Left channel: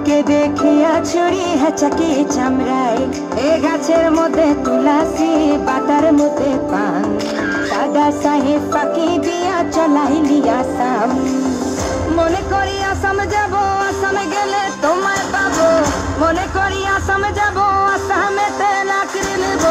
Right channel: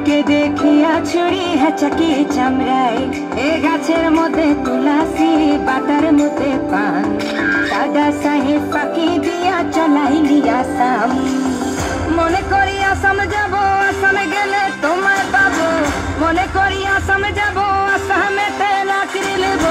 তোকে দেখিয়া ছুরি হেঁচাকি চামড়ায় এ গাছের মধ্যে তুলাসি বাটার মধ্যে পান দাদা সাহেব ফাঁকি দিয়া চলাইলি আসাম মনে করি আসাম যাব আসামে গেলে তোমায় পাবো মনে করি আসাম যাব আসামেতে লাকড়ি নেব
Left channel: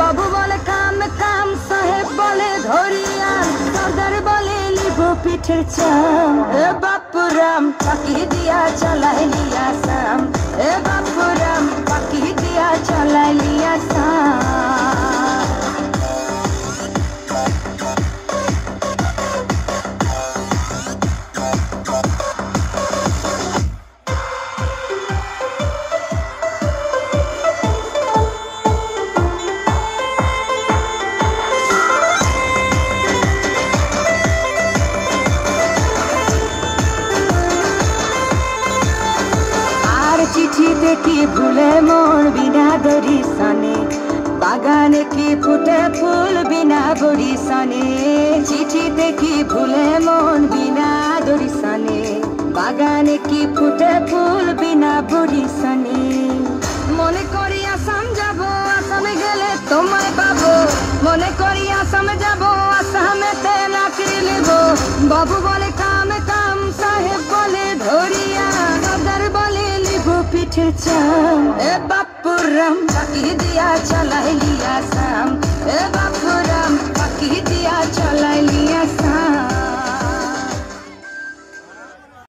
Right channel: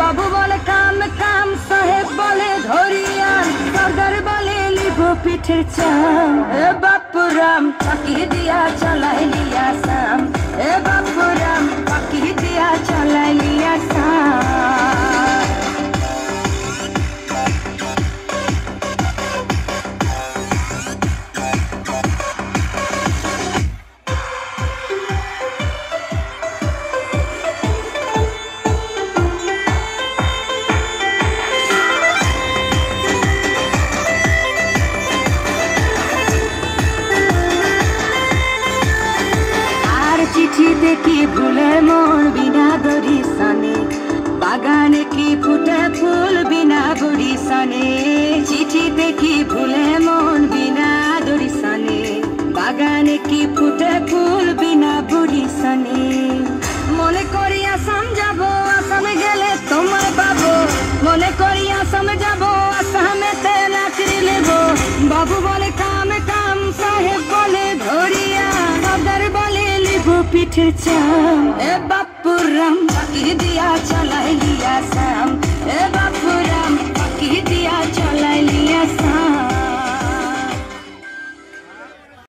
বাবু বলে কাম কাম সাহেব বলে ধরিয়া সর্দার বলে লিব পিঠের চাম এ বাপুরাম ফাঁকি দিয়া চলাইলি আসাম এ বাপুরাম ফাঁকি দিয়া চলাইলি আসাম চিঠিতে কি ভুলে মন বিনা বরিশানে বাগানে কি ফুটে ফুল বিনা বরিশানে চিঠিতে কি ভুলে মন বিনা বরিশানে বাগানে কি ফুটে ফুল বিনা বরিশানে মনে করি আসাম যাব আসামে গেলে তোমায় পাবো মনে করি আসাম যাব আসামেতে লাকড়ি নেব বাবু বলে কাম কাম সাহেব বলে ধরিয়া দাদার বলে পিঠের চাম এ বাপুরাম ফাঁকি দিয়া চলাইলি আসাম এ